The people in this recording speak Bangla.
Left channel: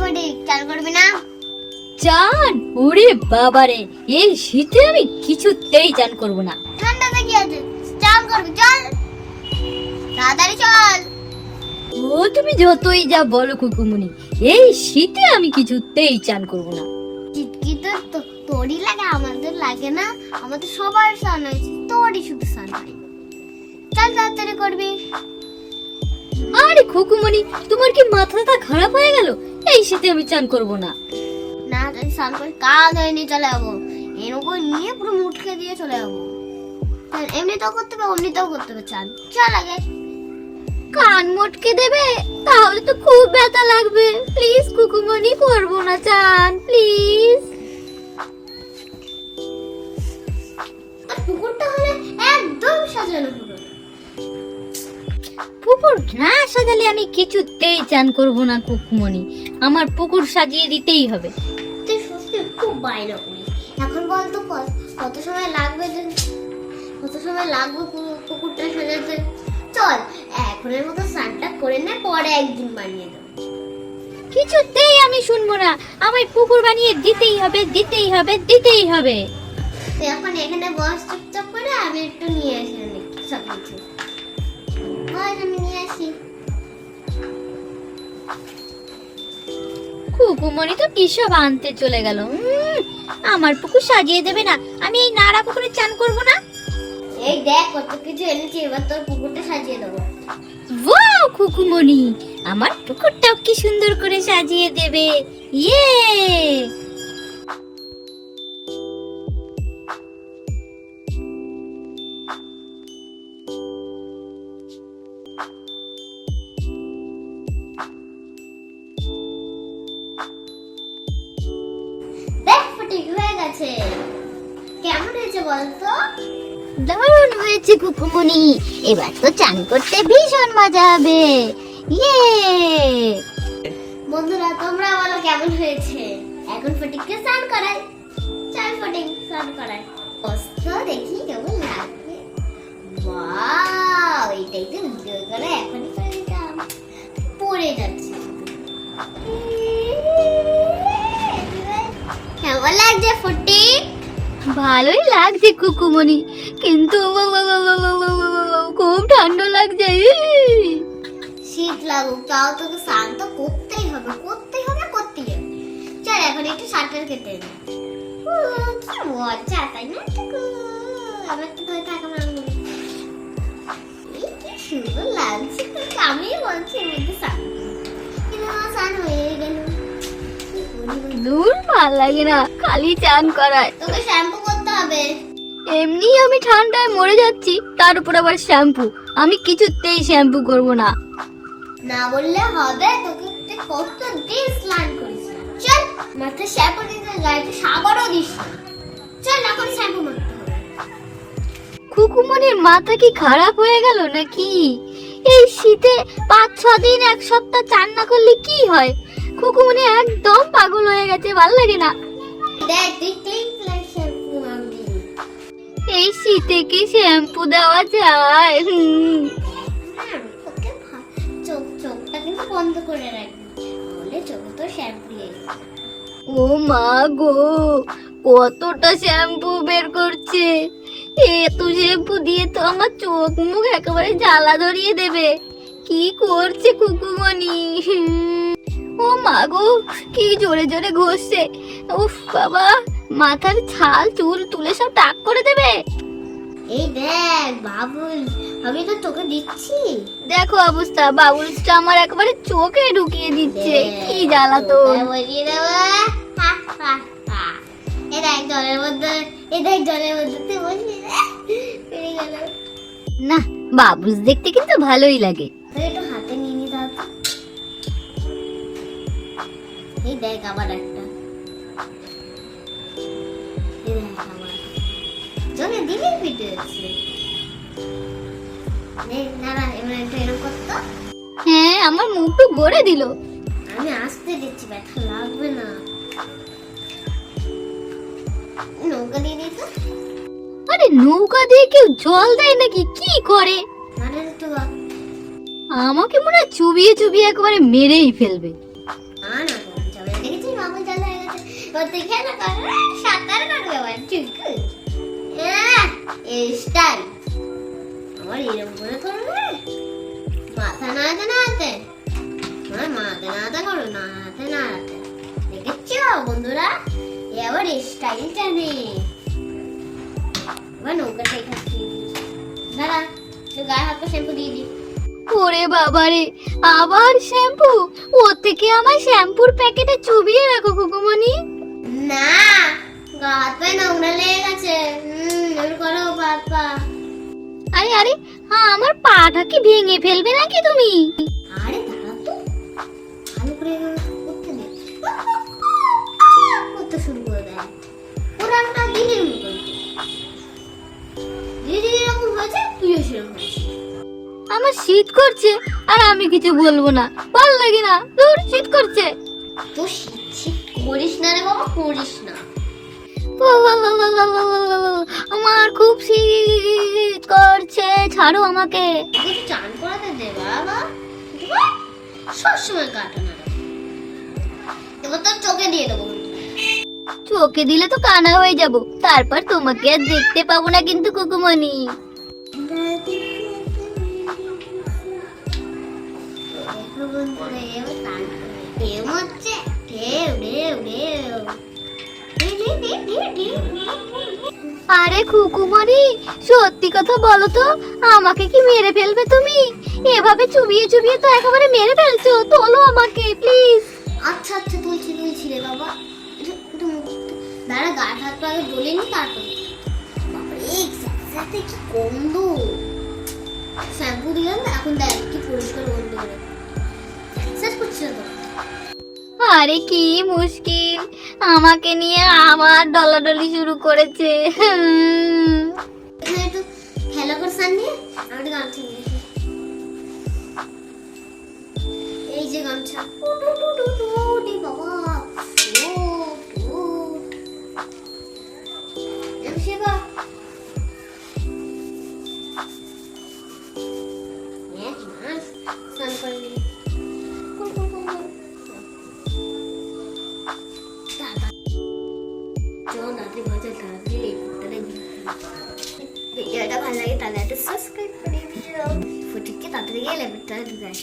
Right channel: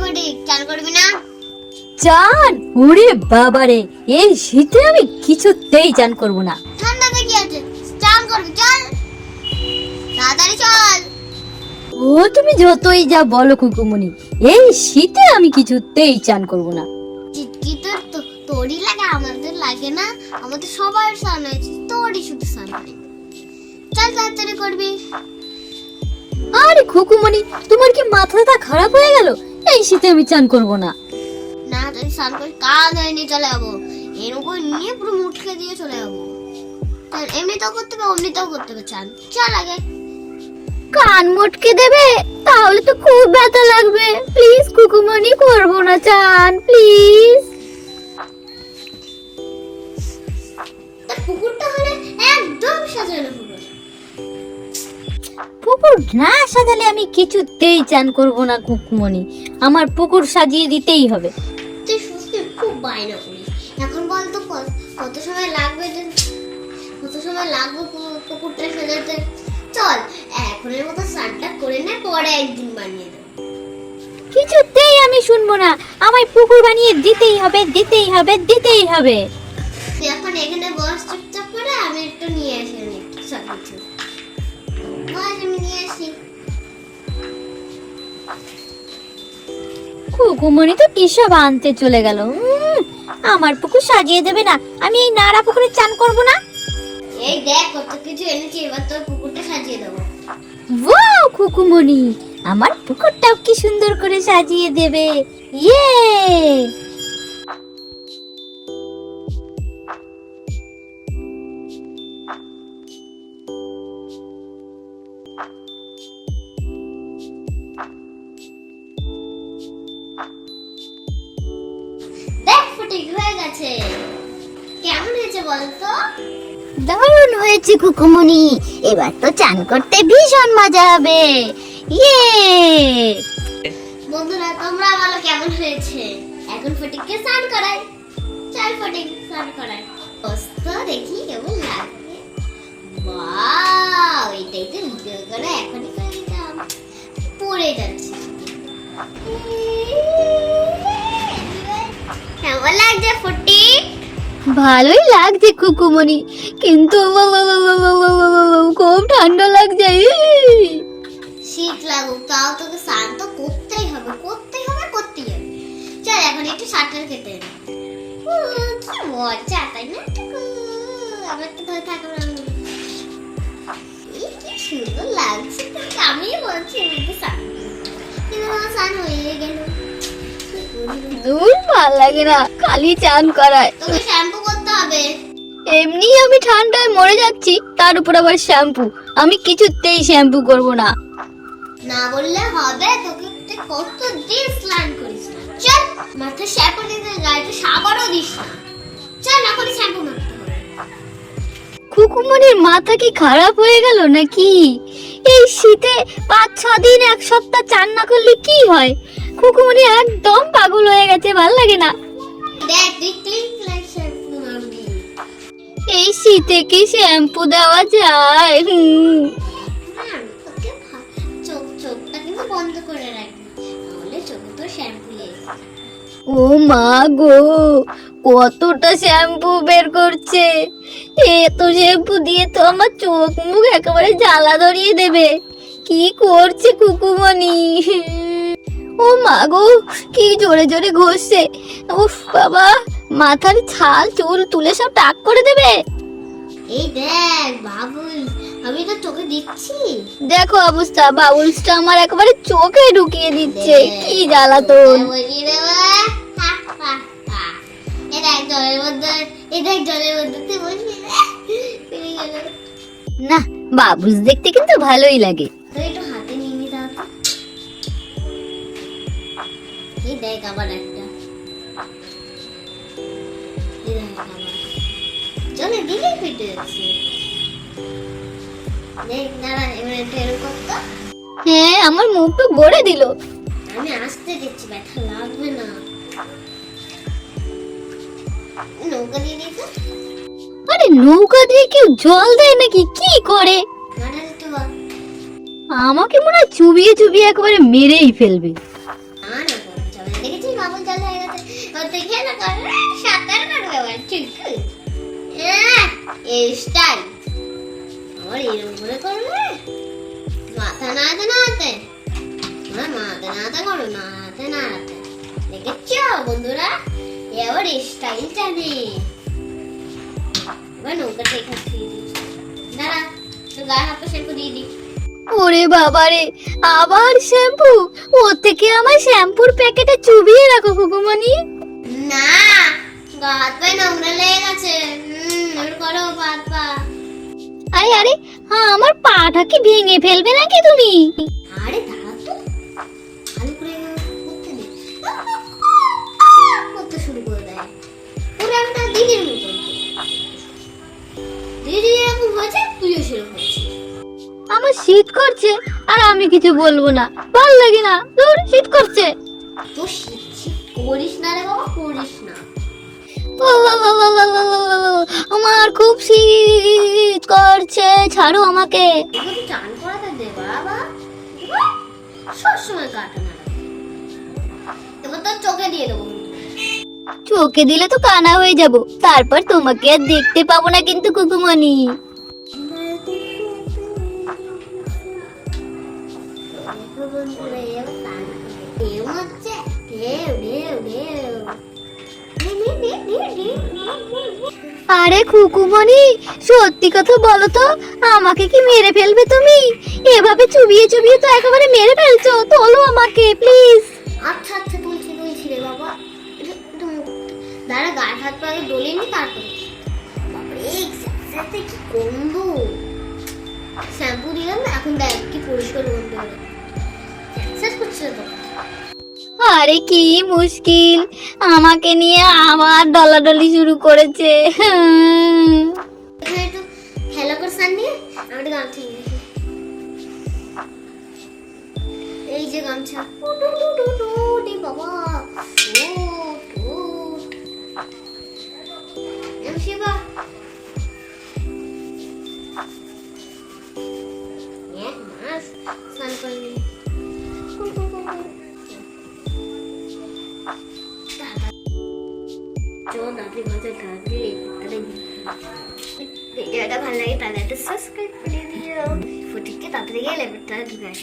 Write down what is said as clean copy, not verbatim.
ফটিক, চান করবি না? চান? ওরে বাবারে, এই শীতে আমি কিছুতেই চান করব না। ঠান্ডাতে কি আছে, চান করবি, চল তাড়াতাড়ি চল। ও তুমি যতই যা বলো কুকুমনি, এই শীতে আমি কিছুতেই চান করব না। চিটকি তো তোরই লাগে, আমাদের লাগে না। আমাদের সবার স্নান হয়েছে, তোরই শুধু স্নান হয়। চল তাড়াতাড়ি করবি। আরে কুকুমনি, তোমার কি মাথাটা খারাপ হয়ে গেল? এই শীতে আমি চান করব না। না তুই স্নান করে কাল হয়ে নিয়ে চলে যাবো, এরকম নিয়ে পুরো মুটকে দিয়ে চলে যাবো। চল, এমনিতেও করতে হবে অমনিতেও করতে হবে চান। চল আগে। কান মটকে দেবে? তাহলে তো খুব ব্যথা লাগবে। প্লিজ কুকুমনি, করব না চান, প্লিজ। তোর পুকুরটা হলে একদম সাজানো পুকুর। পুকুর না সাজালে আমি কিছুতেই চান করব না কুকুমনি। আমার পুকুর সাজিয়ে দিতেই হবে। তুই সত্যি খুব বায়না করিস। এখন বল তো কত সময় লাগবে, কত সময় লাগবে পুকুরটা সাজাতে? চল এখনের মতো স্নানটা করে নে, পরে একদিন বানিয়ে দেবো। কিছুতেই আমি শুনবো না। আমায় পুকুর বানিয়ে দিতেই হবে, দিতেই হবে, দিতেই হবে। তুই এখন এখানে বস চুপচাপ করে, আমি একটু নিয়ে আসি সব কিছু। বস, আমি নিয়ে আসি। কুকুমনি তো কিসব আনতে চলে গেল। আমার পুকুর সাজিয়ে দেবে না? আমি এই নাড়া পুকুরে চান করব না। এই দেখ কত কিছু এনেছি, এবার তোর পুকুরটা সাজিয়ে দেবো। ওয়াও কুকুমনি, আমার পুকুরটাও কি সুন্দর করে সাজিয়ে দেবে। ইয়ে! দেখ ফটিক, হয়ে গেছে। কেমন হয়েছে বলতো? দারুণ হয়েছে কুকুমনি। এবার তো চান করতে ভীষণ মজা হবে। ইয়ে! বন্ধুরা তোমরা বলো কেমন হয়েছে। এখন ফটিককে স্নান করাই। চল ফটিক স্নান করাই। অস্ত দেখি কেমন লাগে। ওয়াও, এটাই তো ভিডিও করে এখনই করে দিতাম। পড়ে যাচ্ছে। কেমন লাগছে ফটিক? ভালোই লাগছে কুকুমনি, কিন্তু খুব ঠান্ডা লাগছে। শীত লাগুক, তাও তোকে স্নান তো করতেই হবে, করতেই হবে, করতেই হবে। চল এখন একটু সাঁতার কেটে নে। কি মজা, তাই না? আমার তো ধরে থাকা কি সুন্দর লাগছে তোকে, আমি বলছি এমনিতে স্নান। কিন্তু আমার স্নান হয়ে গেল। দূর, ভাল লাগে না, খালি চান করায়। তোকে শ্যাম্পু করতে হবে। এমনি আমি ঠান্ডায় মরে যাচ্ছি, তার উপর আবার শ্যাম্পু। আমি কিছুতেই শ্যাম্পু করব না। না বললে হবে, তোকে তুই কতদিন স্নান করিস না। চল মাথায় শ্যাম্পু দিতে, গায়ে সাবারও দিস না। চল এখনই শ্যাম্পু মারতে হবে। কুকুমনির মাথা কি খারাপ হয়ে গেল নাকি? এই শীতে 5-6 দিন, এক সপ্তাহ চান না করলে কি হয়? কুকুমনি একদম পাগল হয়ে গেছে, ভাল লাগে না। দেখ তুই ক্লিন ক্লিন শ্যাম্পু মারবি। এই শীতে কি শ্যাম্পু দেওয়া যায়? তোকে চোখটা কিন্তু বন্ধ করে রাখবি, তাহলে চোখে তো শ্যাম্পু লেগে যাবে। ও মা গো, কতটা শ্যাম্পু বের করছে! এত শ্যাম্পু দিয়ে তো আমার চোখ মুখ একেবারে জ্বালা ধরিয়ে দেবে। কি করছে কুকুমনি? ও মা গো, কি জোরে জোরে ঘষছে! উফ বাবা, মাথার ছাল চুল তুলে সব টাক করে দেবে। এই দেখ বাবুল, আমি তো তোকে দিচ্ছি। দেখো অবস্থা, বাবুলসটা আমার একেবারে চোখে ঢুকিয়ে দিচ্ছে। কি জ্বালা তো! বসিয়ে দেবো। হা, হা, হা। এই দেখ জলের মধ্যে, এই দেখ জলের মধ্যে তুই বসিয়ে দে। পেরে গেল। না, বাবুলস দেখতে কিন্তু ভালোই লাগে। তুই একটু হাতে নিয়ে নি দাও তো। এই দেখ আবার একটা। এই দেখ আবার। জলে দিলেই ফেটে যাচ্ছে। দেখ দাঁড়া, এবার একটু এরকম করতো। হ্যাঁ, আমার মুখটা ভরে দিল। আমি আসতে দিচ্ছি, ব্যথা লাগবে না। নৌকা দিয়ে দিই তো। আরে নৌকা দিয়ে কেউ জল দেয় নাকি? কি করে? মাথা দিতে বল। আমাকে মনে হয় চুবিয়ে চুবিয়ে একেবারে মেরেই ফেলবে। না না সবাই দেখেছিস মামুন চালু হয়ে গেছে। এবার তুই খেয়ে না কর, সাঁতার কাটবে আবার ঠিক এই স্টাইল আমার এরকম করে করবে, মাথা নাড়াতে নাড়াতে, তোমরা মাথা নাড়াতে করো, নাড়াতে নাড়াতে। দেখেছ বন্ধুরা, এ আবার স্টাইল টানে। এবার নৌকাটা এখানে দিয়ে দিই, দাঁড়া তো গায়ে হাত পা শ্যাম্পু দিয়ে দিই। ওরে বাবা রে, আবার শ্যাম্পু? ওর থেকে আমার শ্যাম্পুর প্যাকেটে চুবিয়ে রাখো কুকুমনি। না, গা হাত পায়ে নোংরা লেগে গেছে। ওর করো পা হাত পা। আরে আরে, হ্যাঁ, আমার পাটা কি ভেঙে ফেলবে নাকি তুমি? আরে দাঁড়া তো, ভালো করে করতে দে। করতে শুরু করে দেয় ওরা একটা দিদির মতন। দিদি এরকম হয়েছে, তুইও সেরকম হয়েছিস। আমার শীত করছে আর আমি কিছু বলবো না, ভালো লাগে না, দূর, শীত করছে। তো শীত করিস না রে বাবা, করিস না। আমার খুব শীত করছে, ছাড়ো আমাকে। একটু চান করাতে দে বাবা, সবসময় কাটা না। এবার তোর চোখে দিয়ে দেবো। চোখে দিলে তো কানা হয়ে যাব, তারপর তোমাকে আর দেখতে পাবো না কিন্তু কুকুমনি। বন্ধুরা এবার চান ঢেউ হচ্ছে, ঢেউ ঢেউ ঢেউ। আরে কুকুমনি, সত্যি কথা বলো তো, আমাকে কি মেরে ফেলবে তুমি? এভাবে চুবিয়ে চুবিয়ে তো একেবারে মেরে ফেলছো, তোলো আমাকে প্লিজ। আচ্ছা আচ্ছা, তুলছি তুলছি রে বাবা। দাঁড়া, গায়ে হাত পা আগে ডলে নি, তারপরে বাবারে সাথে কি গন্ধ। শ্যাম্পু দিলাম না, এখন দেখ কি পরিষ্কার গন্ধ হলো। স্যার করছে তো। আরে কি মুশকিল, আমাকে নিয়ে আমার ডলাডলি শুরু করেছে। এখানে একটু খেলা করে সান নিয়ে আমি গান ঠিক দেখি। এই যে গামছা, বাবা শিবা স্নান করে নি। ভিডিওটা ভালো লাগে তাহলে একটা সাবস্ক্রাইব করে দিও। ফুটিকে তাড়াতাড়ি গিয়ে লেবেলটা ঢুকায়।